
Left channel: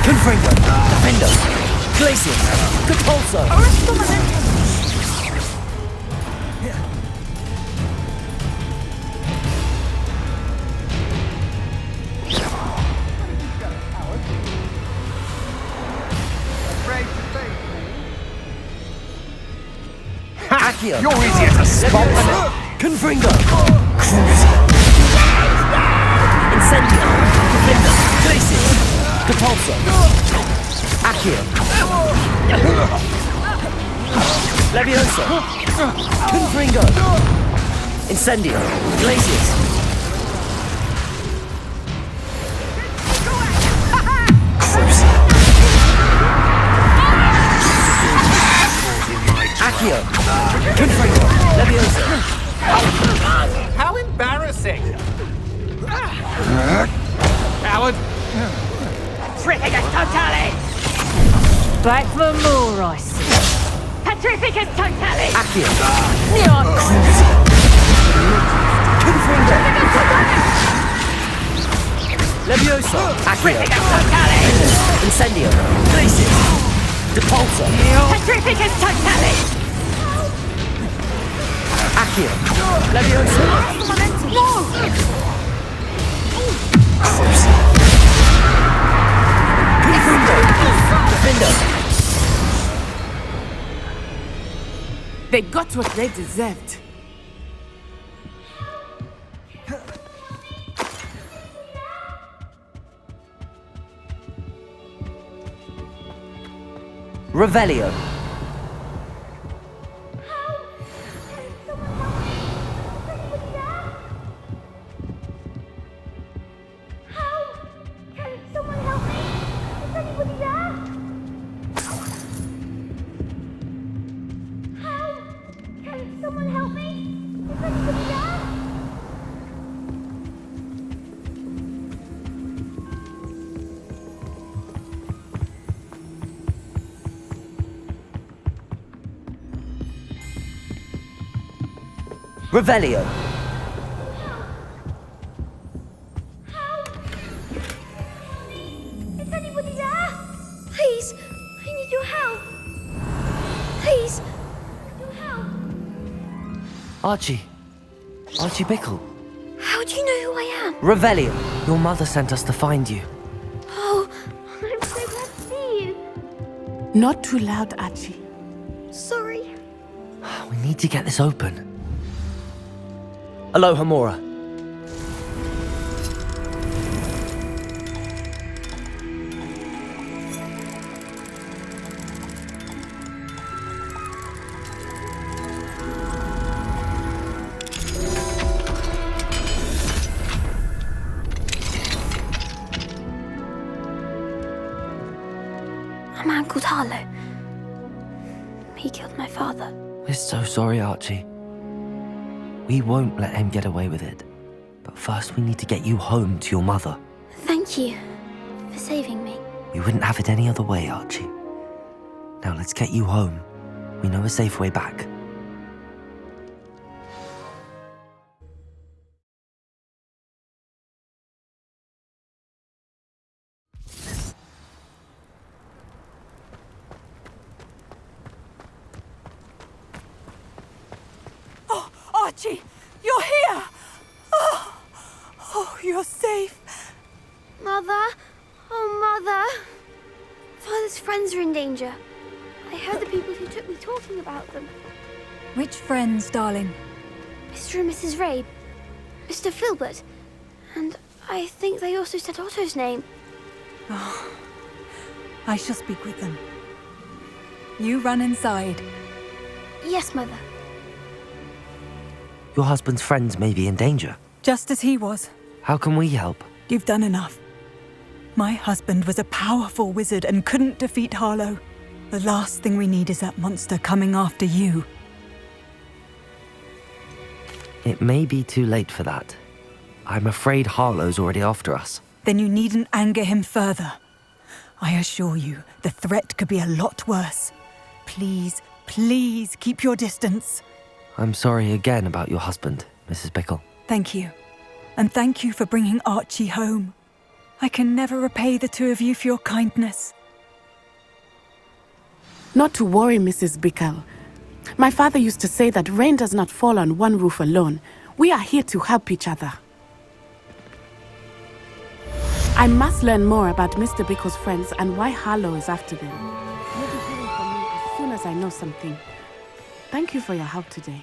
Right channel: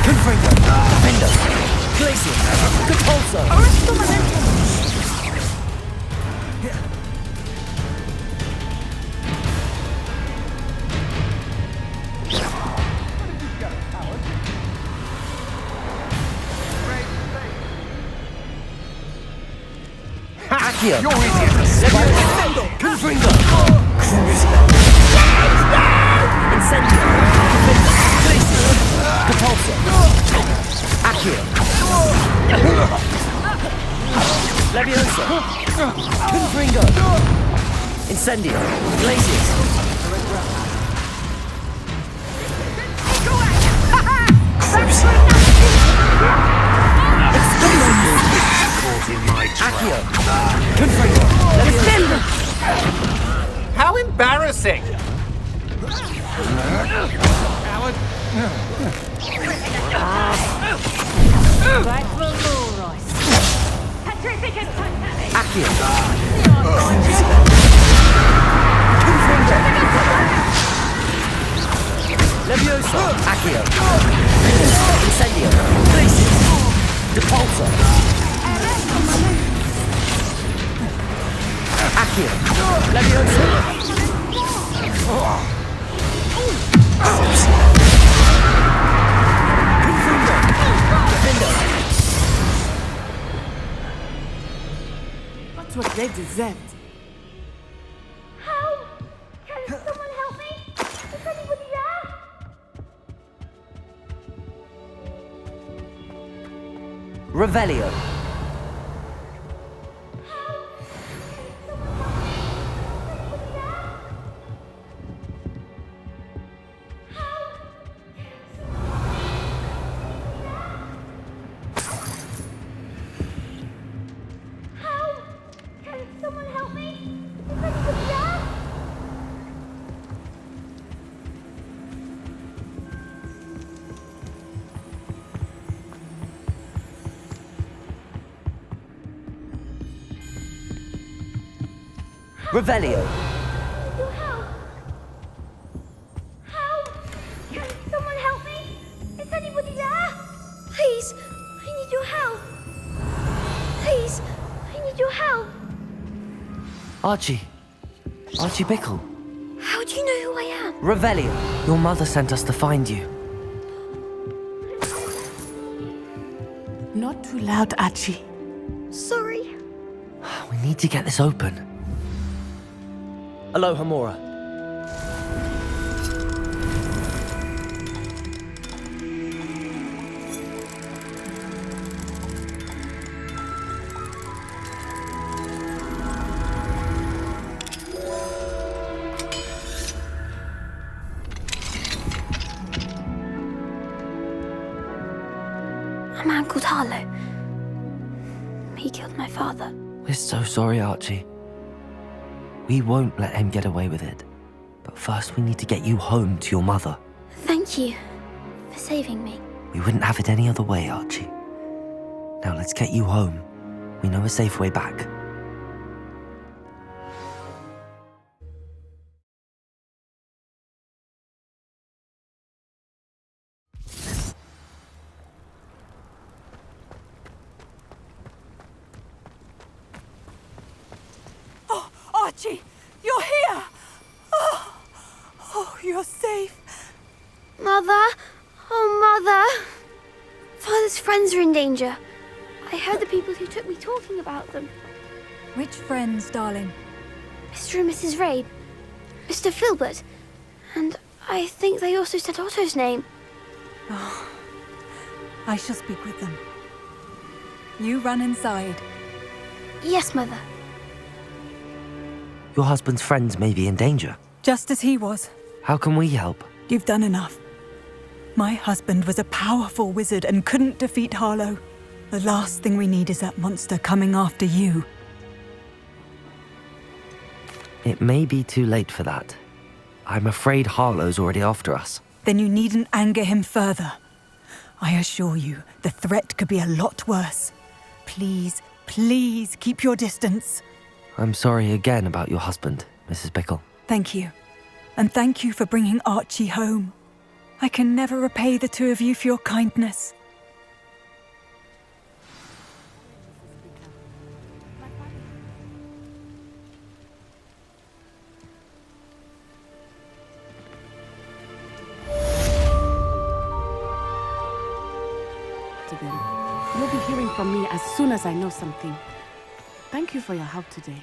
Confringo! Defender! Glacius! Capolso! Accio! You're easier to spot! Confringo! Crucio! Incendio! Defender! Glacius! Capolso! Accio! Levioso! Confringo! Incendio! Glacius! Crucio! Accio! Confringo! Levioso! How embarrassing! Coward! Back for more rice. Petrificus Totalis! Accio! Neon! Confringo! Leviosa! Accio! Incendio! Glacius! Depulsor! Accio! Leviosa! Profundo! Defendo! They got what they deserved. Revelio. Revelio. Help! Can someone help me? Is anybody there? Please, I need your help. Please, I need your help. Archie. Archie Bickle. How do you know who I am? Revelio. Your mother sent us to find you. Oh, I'm so glad to see you. Not too loud, Archie. Sorry. We need to get this open. Aloha Mora. A man called Harlow. He killed my father. We're so sorry, Archie. We won't let him get away with it. But first we need to get you home to your mother. Thank you for saving me. We wouldn't have it any other way, Archie. Now let's get you home. We know a safe way back. Archie, you're here! Oh, you're safe. Mother! Oh, Mother! Father's friends are in danger. I heard the people who took me talking about them. Which friends, darling? Mr. and Mrs. Rabe, Mr. Filbert, and I think they also said Otto's name. Oh, I shall speak with them. You run inside. Yes, Mother. Your husband's friends may be in danger. Just as he was. How can we help? You've done enough. My husband was a powerful wizard and couldn't defeat Harlow. The last thing we need is that monster coming after you. It may be too late for that. I'm afraid Harlow's already after us. Then you needn't anger him further. I assure you, the threat could be a lot worse. Please, please keep your distance. I'm sorry again about your husband, Mrs. Bickle. Thank you. And thank you for bringing Archie home. I can never repay the two of you for your kindness. Not to worry, Mrs. Bickle. My father used to say that rain does not fall on one roof alone. We are here to help each other. I must learn more about Mr. Bickle's friends and why Harlow is after them. You'll be hearing from me as soon as I know something. Thank you for your help today.